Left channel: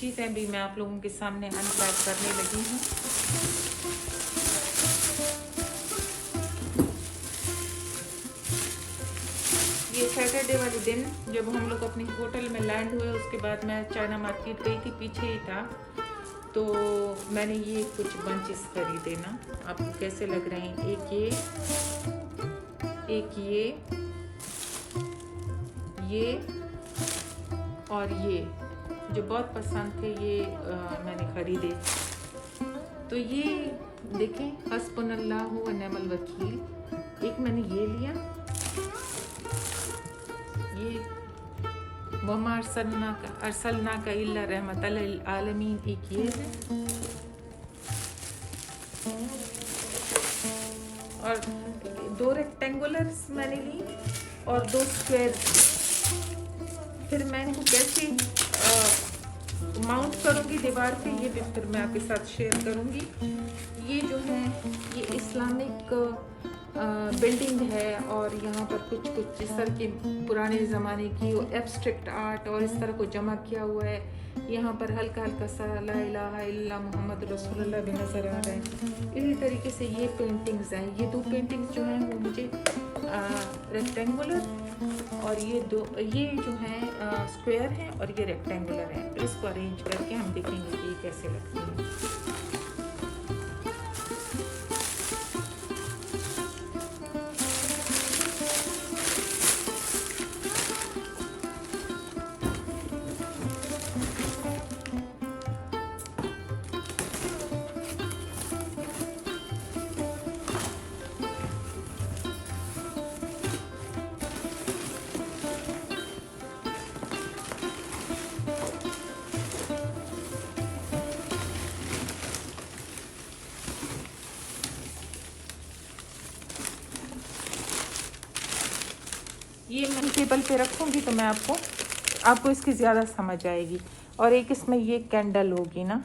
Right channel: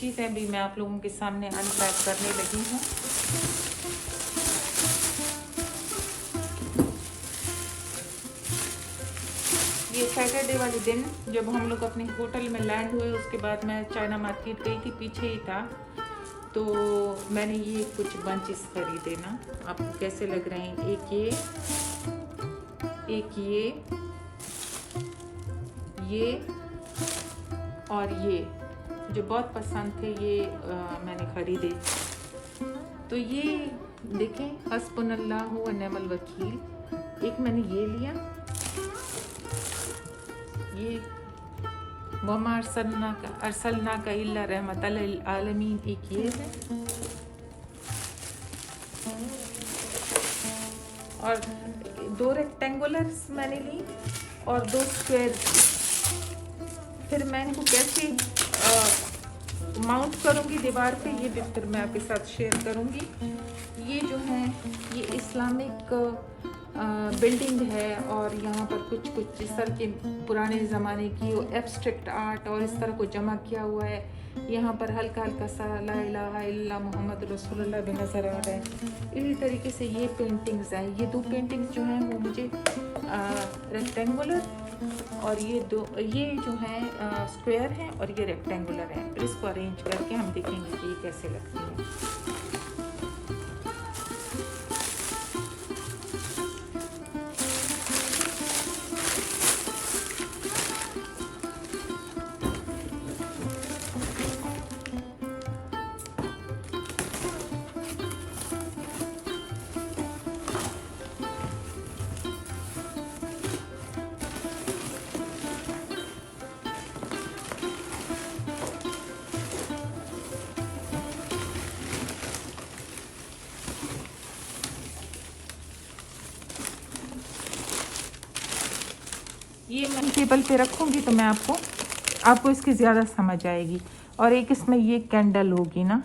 चीज़ें भी मैं आप लोगों के सामने अनपैक करने लगी हूँ। ये सैटरडे वाले दिन जब हम लोग अपने होटल में लैंड हुए, उसके बाद मैं चाइना मार्केट गई थी, पीछे ही था, तो मैंने ये कुछ बंचेस खरीदे ना। आपको कैसे लग रहे हैं? एक ये और ये जो बहुत पसंद थे, ये मैंने खरीदे। तो ये देखें, हस्बुनल्लाह व निअमल वकील। एक मैंने ये लिया, ये वमा अरसलना का इल्ला रहमतल लिल आलमीन, एक ये है, और 2 रेक्टेंगुलर्स मैंने ली और 2 स्क्वायर। फिर मैं इनको कैसे माउंट करूँगी दीवार पे, ये भी फिर मैं आपके साथ शेयर करूँगी। ये जो है ये इस्लामिक बिल्डिंग है, और यहाँ पर कुछ इस तरह के पुराने ज़माने की वो एब्स्ट्रैक्ट आर्ट और इस तरह को जमा किया हुआ है। यहाँ पर हल्का हल्का सा ला इलाहा इल्लल्लाह मुहम्मद रसूलुल्लाह भी नज़र आ रहा है। इसी तरीके से ये पेंटिंग्स हैं। ये 2 पेंटिंग्स जो हैं वो मुझे रेक्टेंगुलर, और ये जो हैं स्क्वायर हैं, और ये रेक्टेंगुलर हैं। तो इसको अरेंज करके हम देखेंगे कि ये कैसे लगती है। ये मैं टेबल पे रखूँगी तो मैं आपको इसकी ज़्यादा समझ आएगी। और एक इसमें ये कैंडल होगी ना,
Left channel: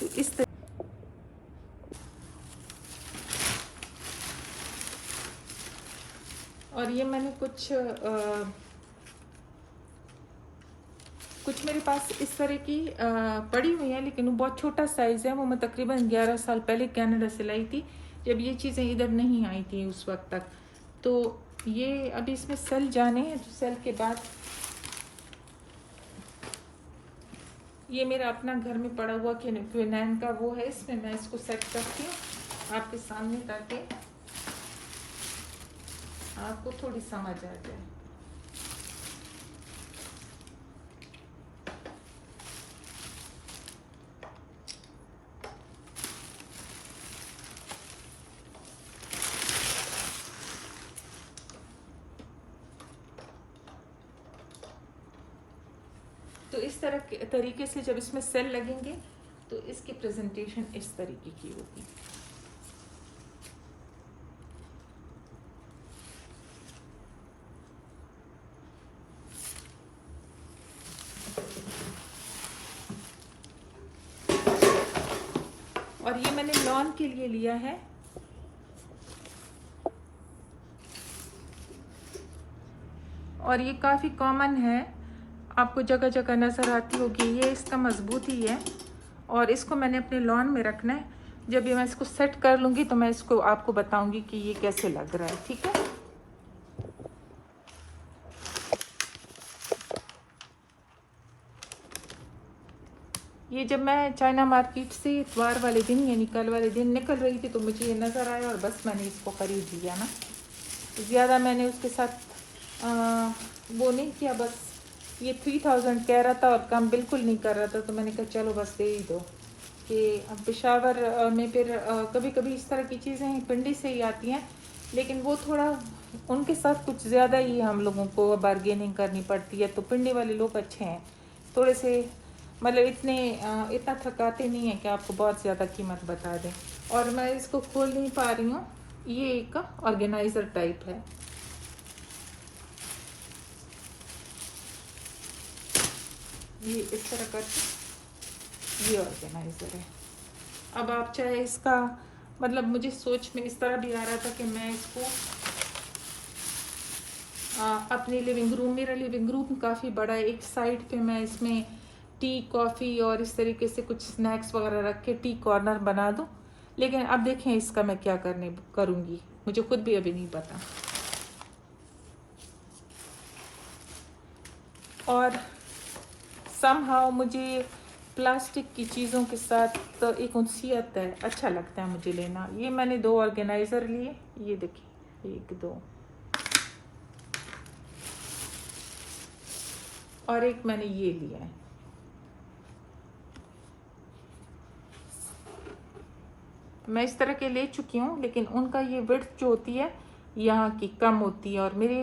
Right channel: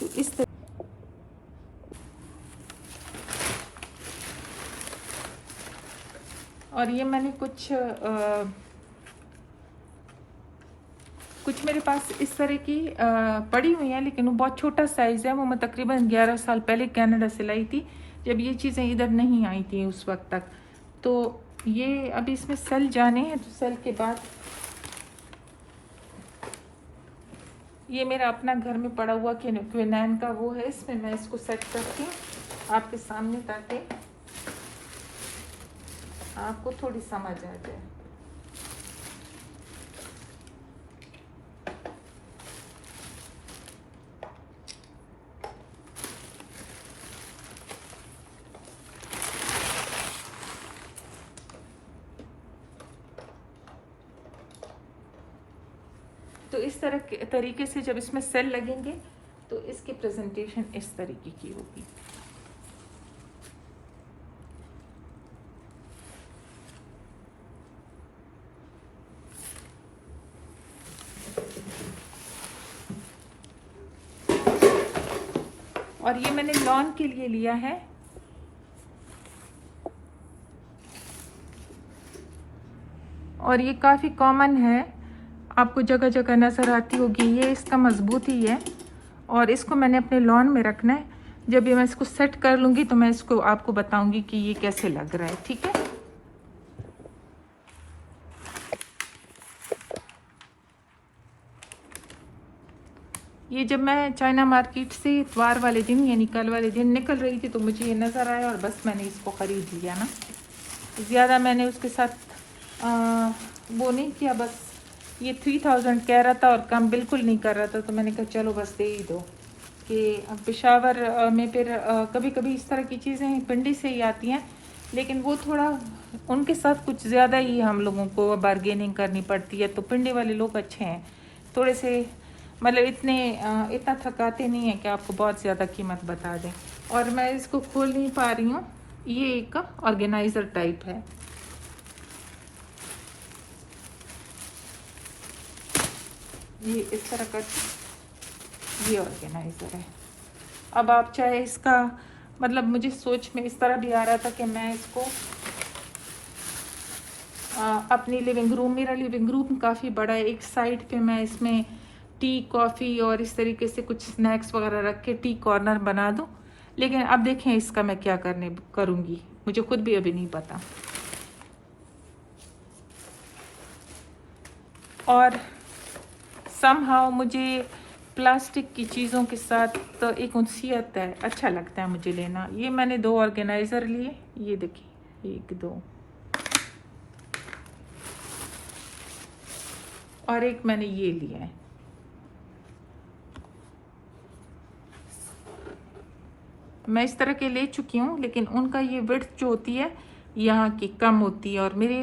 तो इस तरह। और ये मैंने कुछ मेरे पास इस तरह की पड़ी हुई हैं, लेकिन वो बहुत छोटा साइज़ है। वो मैं तकरीबन 11 साल पहले कनाडा से लाई थी, जब ये चीज़ें इधर नहीं आई थी उस वक्त तक। तो ये अभी इसमें सेल जाने हैं, तो सेल के बाद ये मेरा अपना घर में पड़ा हुआ क्विनैन का वो है, इसमें मैं इसको सेट करती हूँ आपके सामने, ताकि आपको थोड़ी समझ आ जाए। तो इस तरीके से जब इसमें सेल लगेंगे तो इसकी प्रेजेंटेशन इस तरीके की होगी। और ये मैंने लॉन के लिए लिया है। और ये काफ़ी कॉमन है, आपको जगह जगह नज़र आती होगी। ये इसका मजबूत ही है, और इसको मैंने अपने लॉन में रखना है। जब ये मैं इसको सेट कर लूँगी तो मैं इसको आपको बताऊँगी कि ये कैसे लग रहा है। ठीक है। ये जब मैं चाइना मार्केट से इतवार वाले दिन यानी कल वाले दिन निकल रही थी, तो मुझे ये नज़र आया और बस मैंने इसको ख़रीद लिया ना। ज़्यादा मैंने उसके साथ वो नहीं किया, बस ये 3000 कह रहा था और कम बिल्कुल नहीं कर रहा था, तो मैंने कहा चलो बस दे ही दो। कि पेशावर में फिर कभी कभी इस तरह की चीज़ें पिंडी से ही आती हैं, लेकिन वो थोड़ा उनके साथ कुछ ज़्यादा ही हम लोगों को बार्गेनिंग करनी पड़ती है। तो पिंडी वाले लोग अच्छे हैं, थोड़े से मतलब इतना थकाते नहीं है कि आपको बहुत ज़्यादा कीमत बता दें। और मैं इसको खोल नहीं पा रही हूँ। ये एक ऑर्गेनाइज़र टाइप है। ये इस तरह का ये ऑर्गेनाइज़र है। अब आप चाहे इसका मतलब, मुझे सोच में इस तरह भी आ रहा था कि मैं इसको अपनी लिविंग रूम, मेरा लिविंग रूम काफ़ी बड़ा है, एक साइड पे मैं इसमें टी कॉफ़ी और इस तरीके से कुछ स्नैक्स वगैरह रख के टी कॉर्नर बना दूं। लेकिन अब देखें इसका मैं क्या करूंगी, मुझे खुद भी अभी नहीं पता। और समहाउ मुझे प्लास्टिक की चीज़ों के साथ तो एक उनसियत है, अच्छा लगता है मुझे लेना। ये मैंने 2 ऑर्गेनाइज़र लिए, ये देखिए 1 2 और एक मैंने ये लिया है। मैं इस तरह के ले चुकी हूँ, लेकिन उनका ये विड्थ जो होती है यहाँ की कम होती है। और मेरे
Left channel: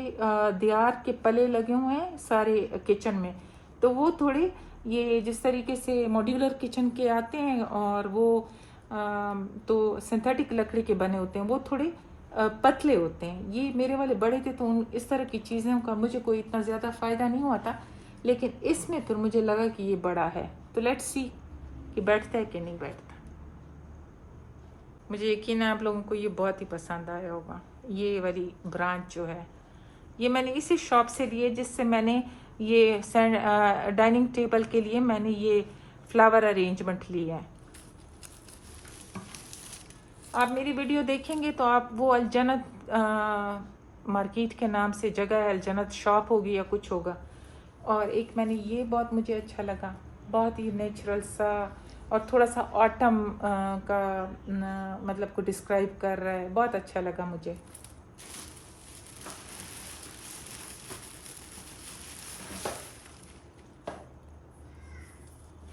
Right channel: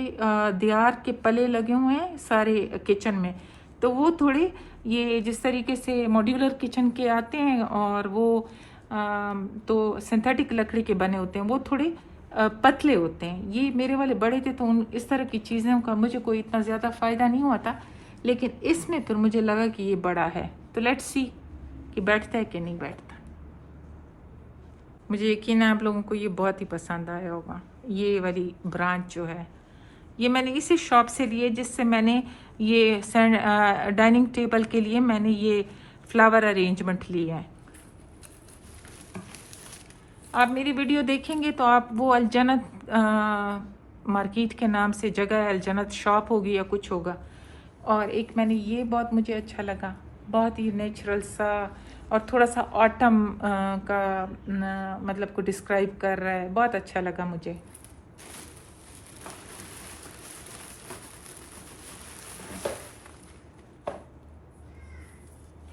दियार के पले लगे हुए हैं सारे किचन में, तो वो थोड़े ये जिस तरीके से मॉड्यूलर किचन के आते हैं और वो तो सिंथेटिक लकड़ी के बने होते हैं, वो थोड़े पतले होते हैं। ये मेरे वाले बड़े थे, तो उन इस तरह की चीज़ों का मुझे कोई इतना ज़्यादा फ़ायदा नहीं हुआ था। लेकिन इसमें फिर मुझे लगा कि ये बड़ा है, तो लेट्स सी कि बैठता है कि नहीं बैठता। मुझे यकीन है आप लोगों को ये बहुत ही पसंद आया होगा। ये वाली ब्रांच जो है, ये मैंने इसी शॉप से ली है जिससे मैंने ये डाइनिंग टेबल के लिए मैंने ये फ्लावर अरेंजमेंट ली है। आप मेरी वीडियो देखेंगे तो आप वो अलजन्नत मार्केट के नाम से जगह है, अलजन्नत शॉप होगी या कुछ होगा। और एक मैंने ये बहुत मुझे अच्छा लगा, बहुत ही नेचुरल सा और थोड़ा सा ऑटम का मतलब को डिस्क्राइब कर रहा है, बहुत अच्छा लगा मुझे।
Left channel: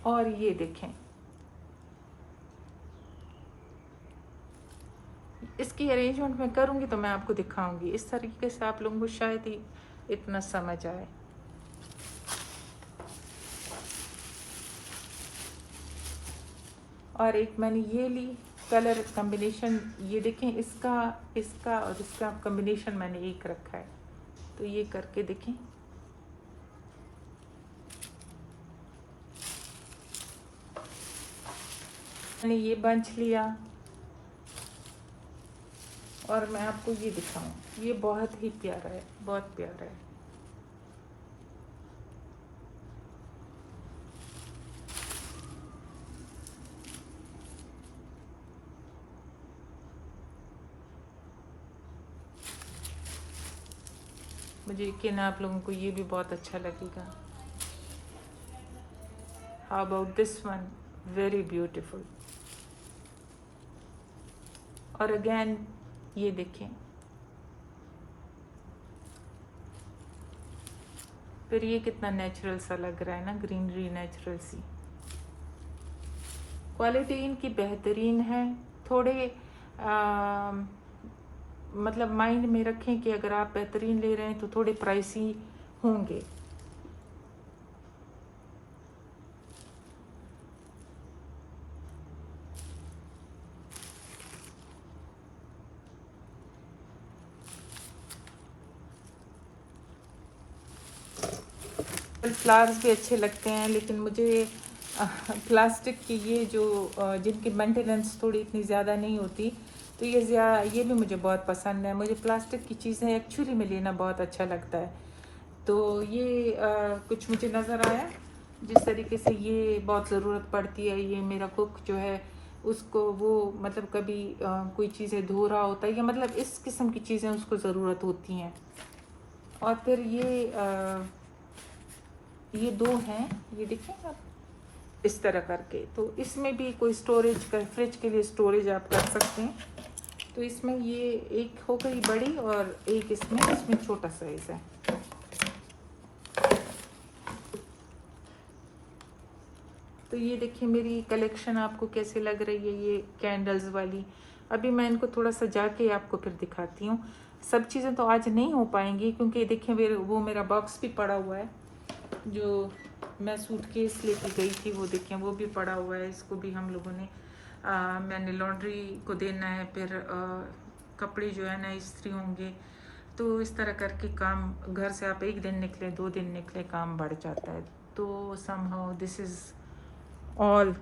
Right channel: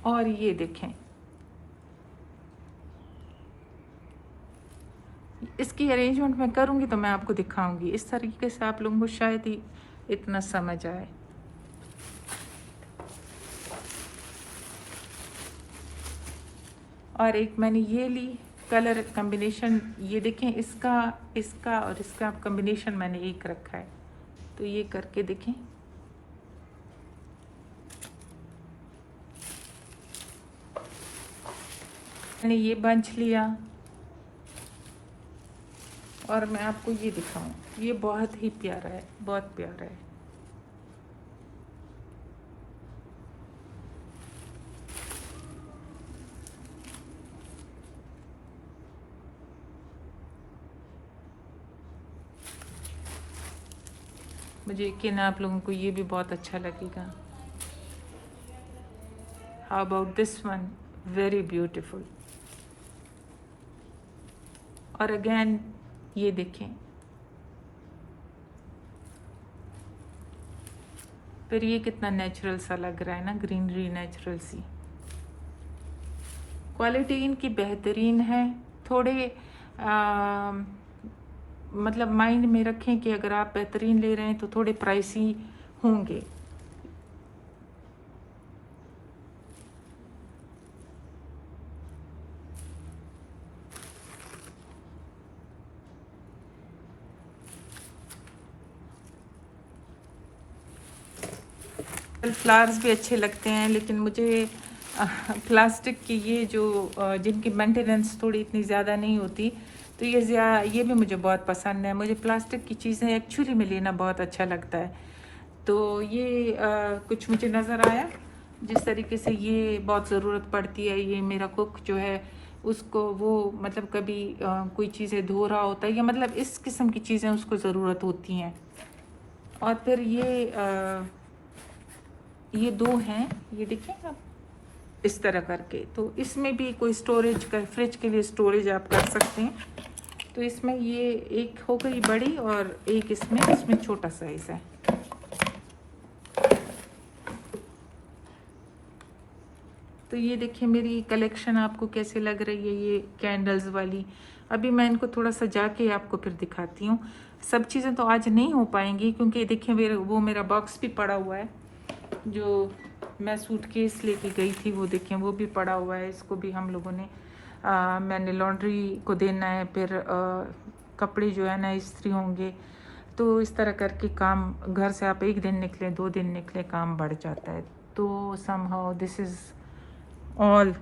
और ये देखें, इसकी अरेंजमेंट मैं करूँगी तो मैं आपको दिखाऊंगी। इस तरीके से आप लोगों को शायद ही इतना समझ आए। और एक मैंने ये ली कलर कॉम्बिनेशन, ये देखें इसका और इसका कॉम्बिनेशन मैंने एक रखा है, तो ये करके देखें। मैंने ये बंच लिया और मैं आपको ये दिखाऊं, ये बहुत ही प्यारा है, बहुत प्यारा है। मुझे यकीन है आप लोगों को ये भी बहुत अच्छा लगेगा। How about this one, very beautiful. और अगेन ये देखें, फिर ये कितना नेचुरल सा लग रहा है ना, ग्रीनरी नेचुरल सी। क्वालिटी इनकी बेहतरीन है। थोड़े मतलब माइंड में रखें कि अगर आप बेहतरीन ले रहे हैं तो थोड़े प्राइसी होंगे। फ्लावर्स भी अच्छे लगते हैं, लेकिन मुझे प्लास्टिक की ये जो जिनकी मेंटेनेंस थोड़ी इतनी ज़्यादा नहीं होती, तो ये भी मुझे बहुत पसंद है। मुझे प्लास्टिक की चीज़ें एक्चुअली में लेना बहुत अच्छा लगता है। तो ये कुछ मुझे नज़र आया जिस तरीके से ये बहुत ज़रूरत पड़ती है। ये मेरा कुक जो है उसको वो मतलब कभी कोई चीज़ें धो रहा होता है, या मतलब इस किस्म की चीज़ें उसको ज़रूरत होती हैं। और फिर ये 2 हैं, ये देखिएगा इस तरह करके। तो इसमें भी कोई स्टोरेज का, फ्रिज के लिए स्टोरेज आप कर सकते हैं। तो इसमें ये एक हो गई बड़ी और एक इसमें छोटा साइज है। तो ये देखिए मेरी कलेक्शन आपको कैसे लग रही है, ये कैंडल्स वाली। अभी मैं इनको थोड़ा सा जाके आपको फिर दिखाती हूँ। सब चीज़ें तो आज नहीं हो पाएंगी क्योंकि देखिए मेरा बॉक्स भी पड़ा हुआ है जो मैं सूटकेस लेके गई थी, वो देखिए वो भी पड़ा हुआ है। इसको भी हम लोगों ने मैंने लॉन्ड्री को देना है, फिर कपड़े जो है ना इस्त्री होंगे। तो इस तरह करके काम, घर से आप 1 दिन निकले 2 दिन निकले, काम बढ़ जाता है। तो somehow this is all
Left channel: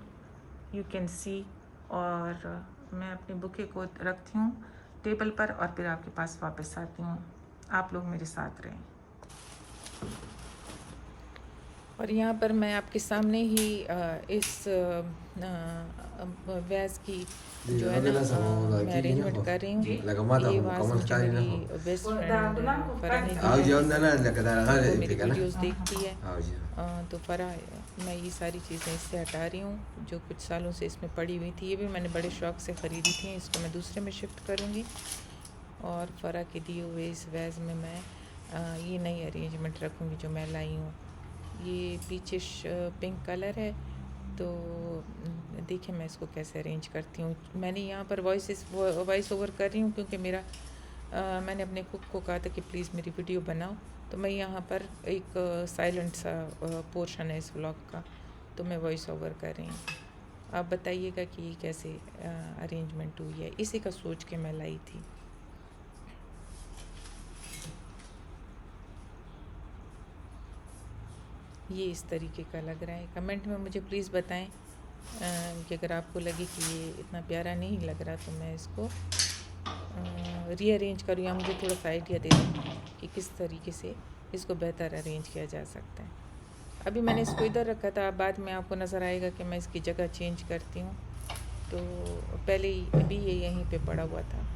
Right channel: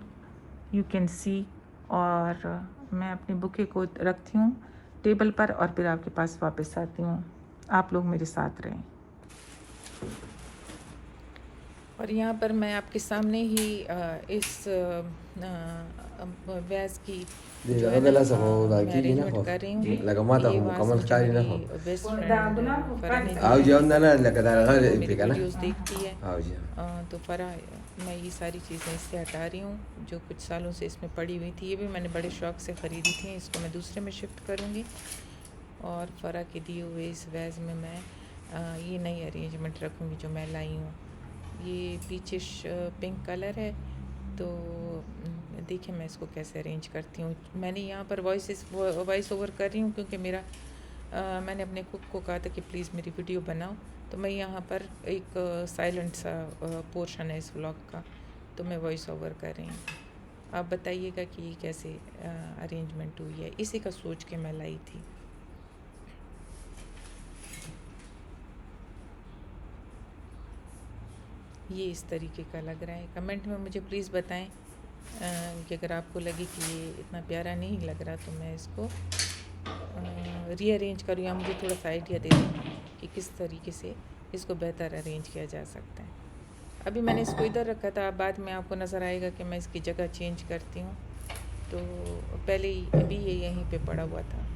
you can see. और मैं अपनी बुके को रखती हूँ टेबल पर और फिर आपके पास वापस आती हूँ। आप लोग मेरे साथ रहें। और यहाँ पर मैं आपके सामने ही इस वैस की जो है ना मैं अरेंजमेंट कर रही हूँ। ये वास मुझे मेरी बेस्ट फ्रेंड फ़रा ने दी है। वो मेरी वीडियोस देखती है तो फ़रा मैं ये सारी चीज़ें इससे हटा रही हूँ जो कुछ सालों से इसमें पड़ी हुई थी। ये भी मैंने बड़े शौक़ से ख़रीदी थी। इसको मैं दूसरे में शिफ्ट करूँगी और फ़रा के दिए हुए इस वैस में मैं ये नई अरेंजमेंट रखूँगी जो मैं लाई हूँ। ये पीछे पिंक कलर है तो देखिए मैं इसको कैसे अरेंज करती हूँ। मैंने यहाँ पर वॉइस ओवर कर रही हूँ क्योंकि मेरा मैंने अपने कुक को कहा था कि प्लीज़ मेरी वीडियो बनाओ, तो मैं यहाँ पर एक साइलेंट सा पोर्शन है इस व्लॉग का, तो मैं वॉइस ओवर कर रही हूँ। आप बताइएगा कि ये कैसे अरेंजमेंट हुई है। इसी का सोच के मैं लाई थी। ये इस तरीके का लग रहा है। कमेंट में मुझे प्लीज़ बताएं कि अगर आपको लगे कि ये इतना प्यारा नहीं लग रहा तो मैं इसको रीअरेंज करूँ या मुझे थोड़ा सा आइडिया दे दें कि किस तरीके से इसको बेहतर अरेंज किया जा सकता है। अभी मैंने इसको इधर रखा था, बाद में आपको नज़र आएगा कि मैं इसकी जगह चेंज करती हूँ। तो पहले ही अभी ये यहीं पे पड़ा हुआ था।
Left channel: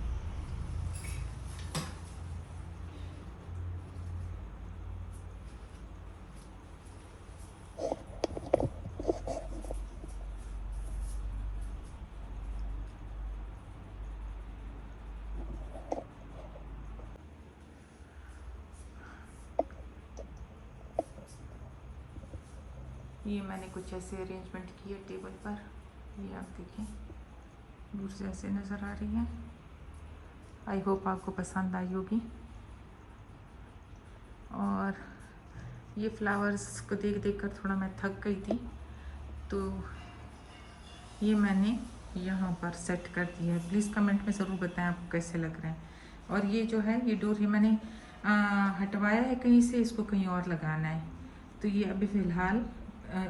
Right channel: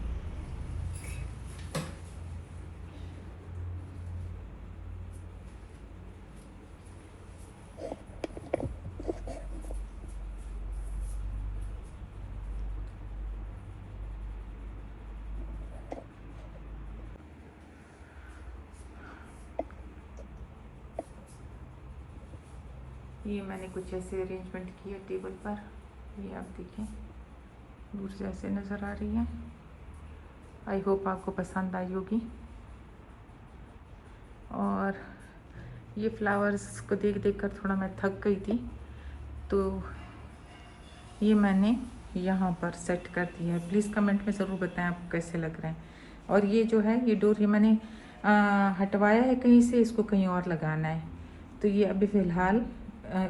ये मैंने कुछ ऐसे अरेंजमेंट किया टेबल पर। ये आप देखें दूर से ऐसे नज़र आ रही है। आई होप आपको पसंद आई होगी। और ये फ्लावर्स को देख देख कर थोड़ा मैं थक गई थी, तो ये मैंने यहाँ पर सेट कर दिया है। प्लीज़ कमेंट में ज़रूर बताएं आपको कैसे लग रहे हैं। और ये जो है ये डोर ये मैंने हटवाया है कहीं से, इसको कहीं और लगाना है। तो ये अभी फ़िलहाल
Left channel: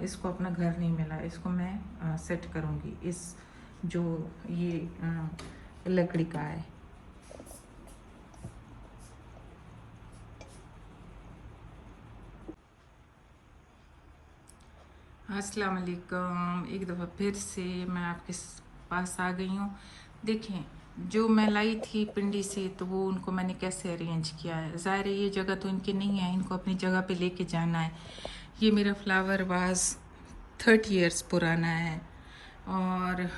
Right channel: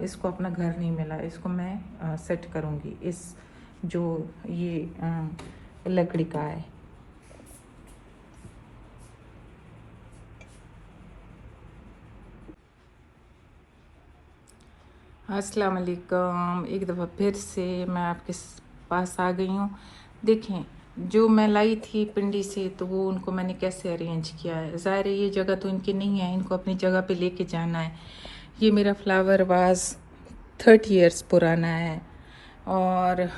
इसको अपना घर नहीं मिला, इसको मैं सेट करूँगी इस जो ये लकड़ी का है। अस्सलाम वालेकुम, एक दफ़ा फिर से मैं आपके पास आ गई हूँ। देखें जो मैं लाई थी पिंडी से, तो वो उनको मैंने कैसे अरेंज किया है। ज़ाहिर है ये जगह तो इनकी नहीं है, इनको अपनी जगह पे लेके जाना है। ये मेरा फ्लावर वाज 30 इयर्स पुराना है और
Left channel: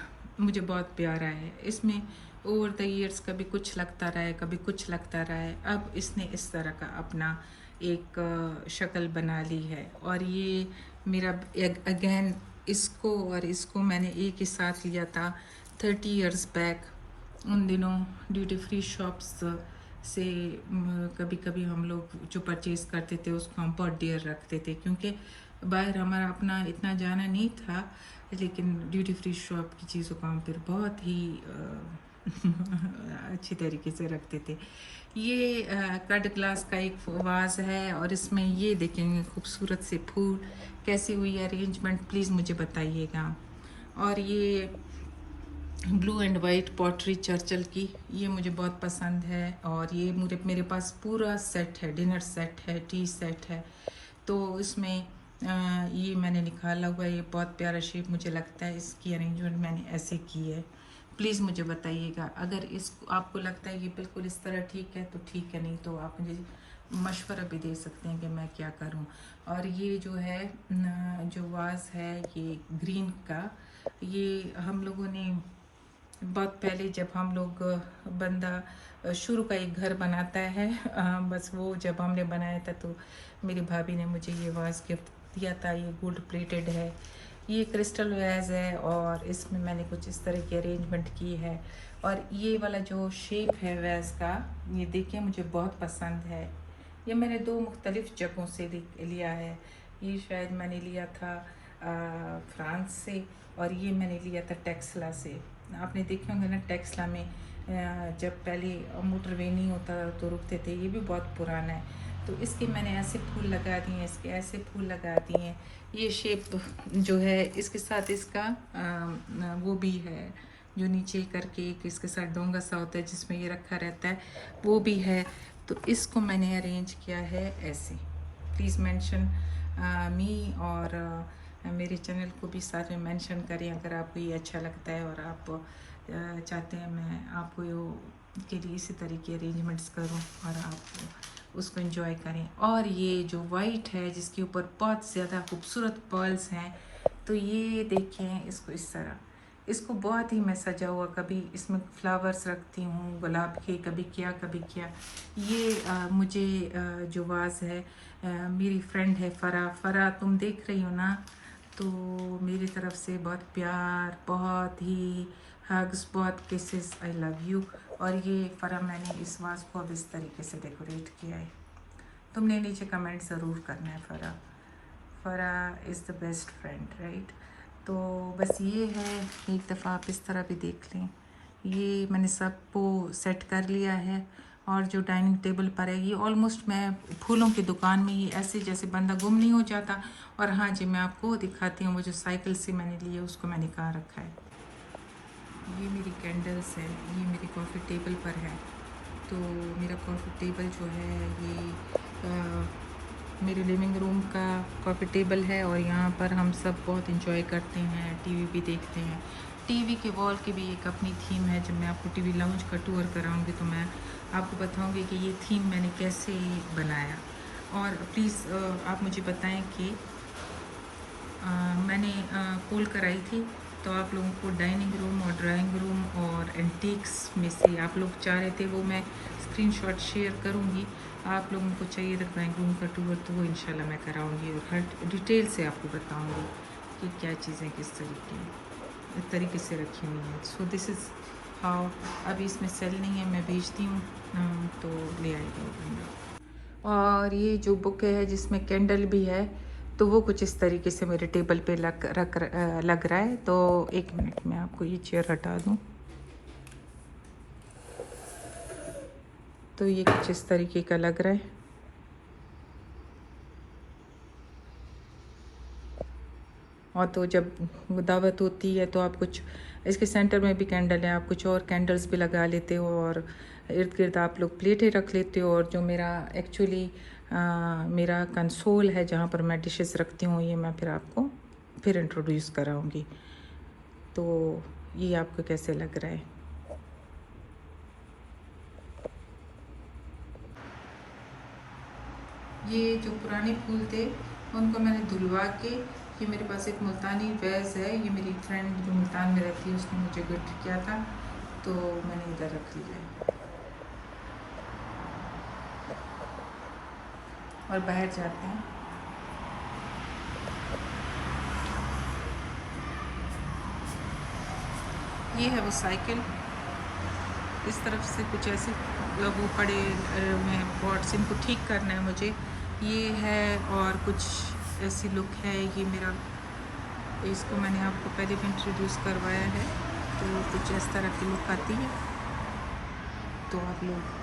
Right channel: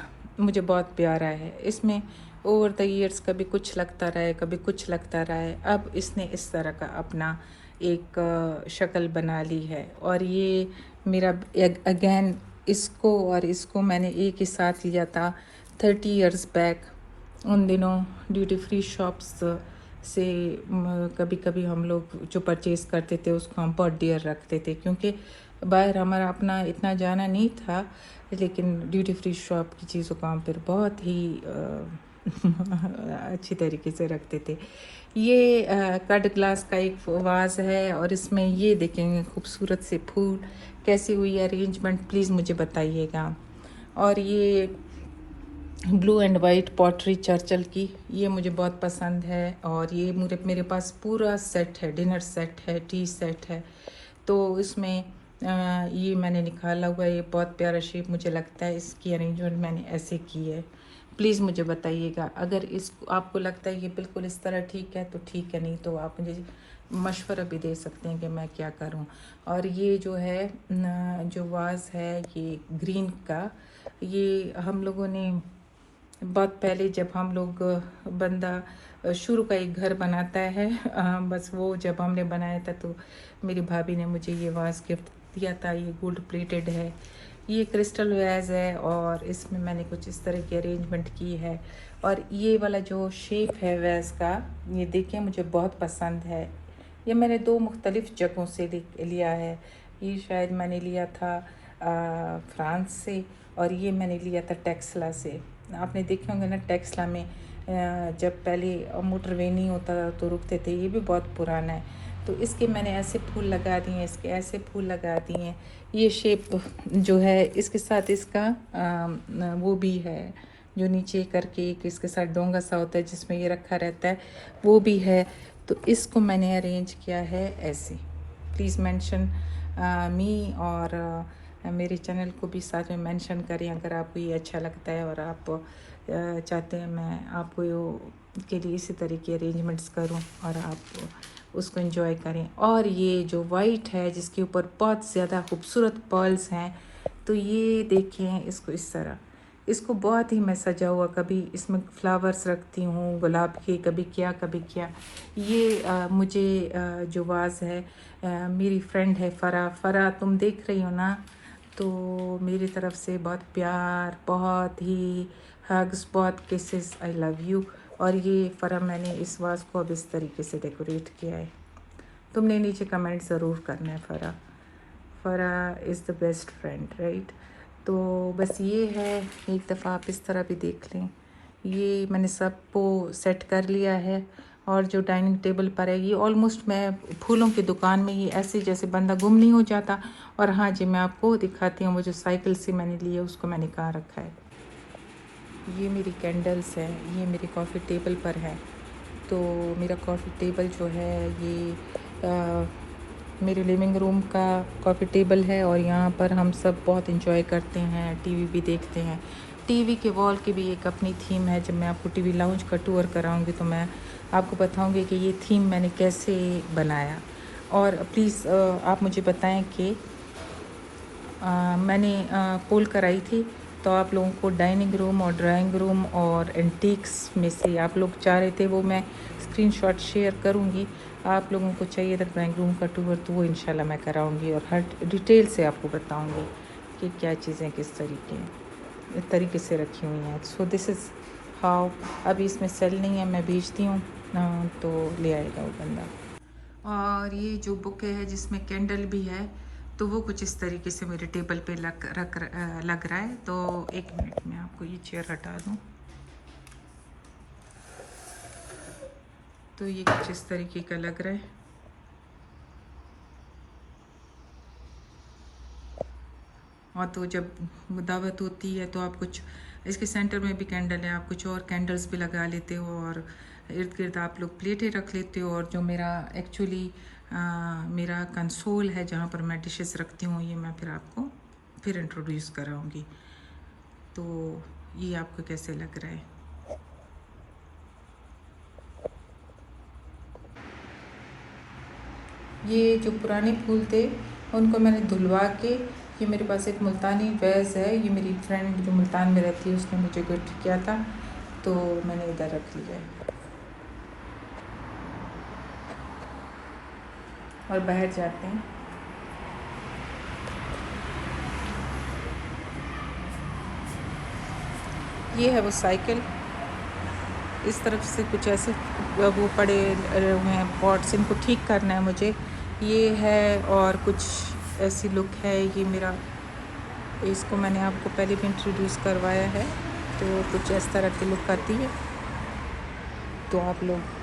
मुझे बहुत प्यारा है। इसमें ओवर द ईयर्स कभी कुछ लगता रहा है, कभी कुछ लगता रहा है। अब इसने इस तरह का अपना एक शक्ल बना ली है। और ये मेरा अगेन इसको और इसको मैंने एक ही साथ लिया था 30 इयर्स बैक। उन दिनों ड्यूटी फ्री शॉप्स से कभी कभी हम लोग जो परचेज़ करते थे उसको हम बहुत डियर रखते थे, क्योंकि बाहर हमारा अपना इतना जाना नहीं था, लेकिन ड्यूटी फ्री शॉप की चीज़ों को हम फिर बहुत ही अच्छी तरीके से रखते थे। ये कट ग्लास का एक वाज है और इसमें ये देखेंगे खूबसूरत से फूल कैसी हुई अरेंजमेंट, प्लीज़ मुझे बताइएगा। और ये blue and white pottery Churchill की, ये मुझे बहुत पसंद है। और ये मेरे पास पूरा सेट है, डिनर सेट है, टी सेट है। तो इसमें ये मैंने निकाला हुआ है। ये बहुत प्यारा शेप मुझे लगता है। इसकी अरेंजमेंट मैंने ऐसे की है। प्लीज़ मुझे बताइएगा अगर इसको आपको लगता है ये बिल्कुल इस तरह ठीक है तो ठीक है, नहीं तो आप मुझे मशवरा भी दे सकते हैं कि मैं क्या करूं। और ये जो है जो वाज है ये ग्रीन का, ये हम लोगों ने बहुत पहले जब हम लोग बंदा शुरू का एक घर बनाता है, बस वो जब हमने बनाया था तो मेरी भाभी ने मुझे ये वाज गिफ्ट दिया था। ये गोल्ड प्लेटेड है, ये क्रिस्टल वेज है और इसमें मैंने कुछ इस तरह की अरेंजमेंट की है। और ये वाला जो शेप है वेज का, ये देखिए मुझे बहुत पसंद है। ये मैंने 2 मुख्तलिफ़ जगहों से लिया है। ये शायद मैंने लिया था फ्रांस से और ये मैंने लिया था टेक्सला से। आपने देखे होंगे ना टेक्सला में जब पहले मोटरवे नहीं होता तो रुकते थे। ये भी बहुत पुराना है। तो इसके मैंने ऐसे फूल लगा दिए हैं, इसके ऐसे फूल लगा दिए हैं। ये शेप जो है इसके साथ इसका वो भी है जो नीचे करके एक इसके साथ डोंगा सा होता है जिसमें ये रखा रहता है, वो भी है। तो इसको मैंने अरेंज किया है ऐसे। प्लीज़ मेंशन मी और मेरे चैनल को भी साथ में मेंशन करें अगर आपको ये अच्छा लगता है और आप चाहते हैं मैं आपको के लिए इसी तरीके अरेंजमेंट्स करूं और आप उसको एंजॉय करें। और ये जो वाइट है जिसके ऊपर बहुत ज़्यादा खूबसूरत पर्ल्स हैं, तो ये देखें इसको इस तरह, इसको बहुत ही मैं सजा हुआ, कभी इसमें फ्लावर्स रखती हूँ गुलाब के, कभी क्या कभी क्या। ये मुझे जो वाज है मेरी फ्रेंड है फ़रा तुम देख रही हो ना, तो मेरी तरफ से बहुत प्यार, बहुत ही हग्स, बहुत किसेस, आई लव यू। और ये फ़रा मैंने इस वाज को अब इस तरीके से डेकोरेट किया है। तुमने नीचे कमेंट ज़रूर करना है। Farah is the best friend, right. तो बस ये है, एक दफ़ा आप इस तरह भी देख लें। ये मैंने सबको सेट कर लिया है। और जो डाइनिंग टेबल पर है, ये ऑलमोस्ट मैं फूलों की दुकान में ये ऐसे जैसे बंदा गुम नहीं हो जाता। और हाँ जी, मैं आपको दिखाती हूँ वो जो साइकिल से मैंने लिए उसको मैंने कहाँ रखा है। ये मेरी कैंडल्स है, ये मेरी कॉफ़ी टेबल पर है। तो मेरा कॉफ़ी टेबल जो है ये मेरे लिविंग रूम का कॉफ़ी टेबल है और यहाँ पर हम सब बहुत इंजॉय करते हैं, टीवी भी देखते हैं। टीवी के वॉल की भी एक अपनी थीम है। जब मैं आपको टीवी लाउंज का टूर कराऊंगी तो मैं आपको बताऊंगी कि ये थीम मैंने कैसे बनाया। और प्लीज़ आप मुझे बताएं कि मैंने पोल कराई थी, तो आप लोगों को डाइनिंग रूम और ड्राइंग रूम और एंटीक्स में से आप लोग चाह रहे थे, वो मैं स्क्रीनशॉट शेयर करूंगी। आप लोगों को चाहिए था ड्राइंग रूम का टूर, तो वो इंशाल्लाह मैं कराऊंगी और हर डिटेल से आपको बताऊंगी कि क्या चीज़ें किस तरीके से रखी हुई हैं। So this is how. अभी इसमें सेल नहीं है, मैं भेजती हूँ तो ले आएगा वो बंदा। और ये जो बुक है जिसमें कैंडल भी है, तो वो कुछ इस तरीके से मेरे टेबल पे लग रहा है। तो एक मिनट में आपको ये चेयर हटा दूँ। तो ये कुछ इस तरीके का लग रहा है। और तो जब दावत होती है तो आप कुछ, इसके सेंटर में भी कैंडल है, आप कुछ और कैंडल्स भी लगा लेते हो और इर्द गिर्द आप लोग प्लेटें रख लेते हो। और जो मेरा एक्चुअली मेरा कंसोल है जहाँ पर मैं डिशेस रखती हूँ, ये मैं फिर आपको फिर इंट्रोड्यूस कराऊंगी। तो ये आपको कैसे लग रहा है? ये जो पुराने फूल थे उनको मैंने धुलवा के, ये मेरे पास एक मुल्तानी वैज़ है, ये मेरी फ्रेंड जो मुल्तान में रहती है उसने मुझे गिफ्ट किया था, तो मैंने इधर रख लिया है। और बाहर जाते हैं। ये है वो साइकिल, इस तरफ से कुछ ऐसे वो पड़े हुए हैं पॉट्स, इनको ठीक करना है मुझे। ये है और कुछ ऐसी लुक है ये मेरा, इसको मैंने आपको पहले भी इंट्रोड्यूस करवाया है। तो कुछ इस तरह की लुक आती है, तो आप लोग